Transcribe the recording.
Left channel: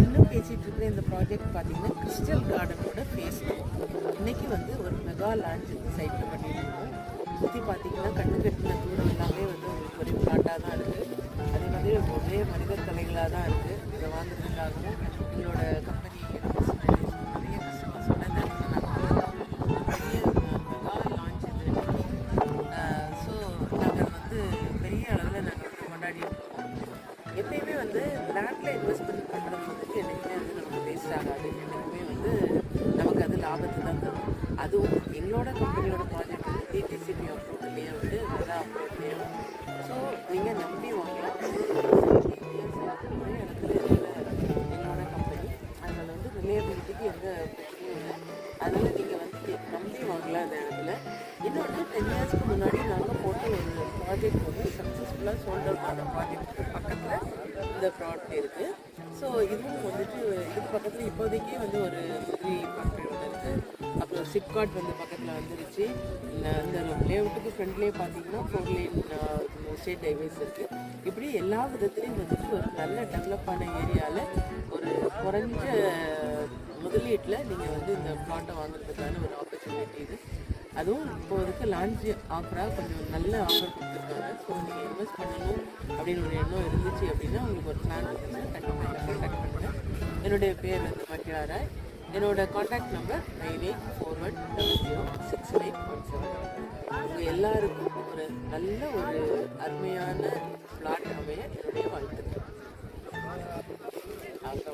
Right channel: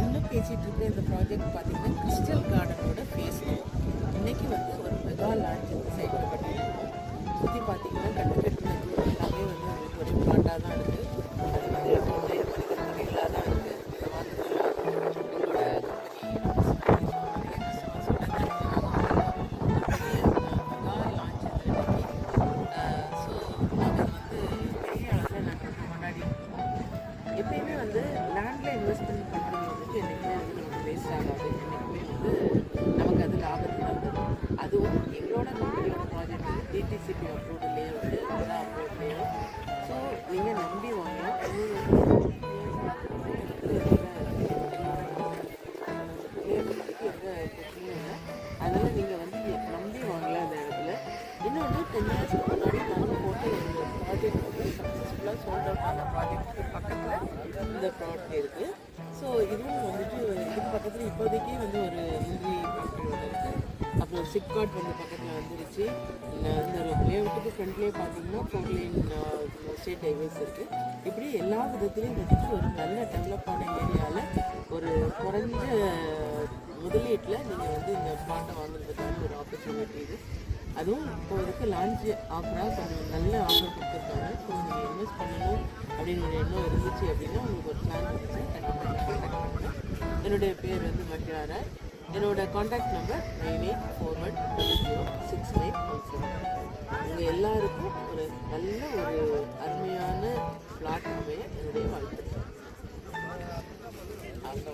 இன்னும் பேசிகிட்டு இருக்கிற இந்த ப்ராஜெக்ட் பார்த்தீங்கன்னா கிறிஸ்டல் கார்டனோட ஃபேஸ் 2. இன்றைக்கி வந்து ஒரு மெகா லான்ச் இந்த சைட்டில் பண்ணிட்டு இருக்கோம். சுற்றி பார்த்தீங்கன்னா கட்டுக்கட்டின தூரம் எல்லாமே வந்து உங்களுக்கு ஒரே பிளாட்டாக தான் இருக்குது. அது மாதிரி ஒரே மனித துணிகளாக தான் இருக்குது. இந்த வாழ்ந்துலாம் உங்களோட கம்பெனி நிறைய கஸ்டமர்ஸோட பெரிய மெகா லான்ச் இது இன்னைக்கு. ஸோ நாங்கள் அது வந்து பெரிய அளவில் நாங்கள் வந்து கொண்டாடி இருக்கோம். எப்பயுமே வந்து லேண்டில் இன்வெஸ்ட்மெண்ட் பண்ணுறது வந்துட்டு என்றைக்குமே வந்து நமக்கு வேஸ்ட் ஆகாது. என்றைக்குமே வந்து நமக்கு அது லாபத்தை தான் தரும். அதுவும் எங்களோட கம்பெனியோட ப்ராஜெக்ட் வந்து டிடிசிபி அப்ரூவ்லேயே வந்து நல்லா அப்ரூவ்லேயும். ஸோ நீங்கள் நம்பி வாங்கலாம். நிறைய இடத்துல எங்களோட கம்பெனி அதில் வந்து ரிலேபிலிட்டிக்கு எந்த பிரச்சனையும் இல்லை. அதனால் நீங்கள் வந்து நம்பி வாங்கலாம் அந்த இடத்துல. இன்னொன்று 10 இயர்ஸ்க்கு முன்னாடி நாங்கள் போட்ட ஒரு ப்ராஜெக்ட் வந்து சக்ஸஸ்ஃபுல்லாக சோல்ட் அவுட் ஆன ப்ராஜெக்ட்டுக்கு பக்கத்தில் இந்த ப்ராடக்ட் இருக்குது. ஸோ இதுவும் வந்துட்டு இதுக்கு பக்கத்தில் இப்போதைக்கே வந்து ஒரு முந்திரி ஃபேக்ட்ரி ஒன்று இருக்குது. அப்புறம் சிப்காட் வந்து பக்கத்தில் வந்துருச்சு. இந்த லேஅவுட்டுக்கு ஃப்ரண்ட்லேயே பார்த்தீங்கன்னா 4 லேன் ஸ்டேட் ஹைவேஸ் இருக்குது. இப்படி எல்லா விதத்துலேயும் வந்துட்டு ஒரு நல்ல டெவலப்பான ஏரியாவில் ஒரு குறைஞ்ச முதலீட்டில் நீங்கள் வந்து இந்த பிளாட்டை வாங்குறதுக்கான ஒரு ஆப்பர்ச்சுனிட்டி இது. அதுவும் இப்போதைக்கு லான்ச் ஆஃபராக கொஞ்சம் நல்ல ஆஃபர் கொடுத்துருக்காங்க. ஸோ நீங்கள் இன்வெஸ்ட் பண்ணணும் அப்படின்னு ஒரு எண்ணம் இருந்துச்சு அப்படின்னா உங்களுக்கு ஒரு பிளான் இருந்துச்சுன்னா கண்டிப்பாக கான்டாக்ட் பண்ணுங்கள். என்னுடைய பேர் வந்து மஹியாரா. என்னோட கான்டாக்ட் நம்பர் 9841006917. உங்கள் எல்லாருக்கும் ஒரு நல்ல ஒரு அருமையான பிளாட் அமைய என்னுடைய வாழ்த்துக்கள்.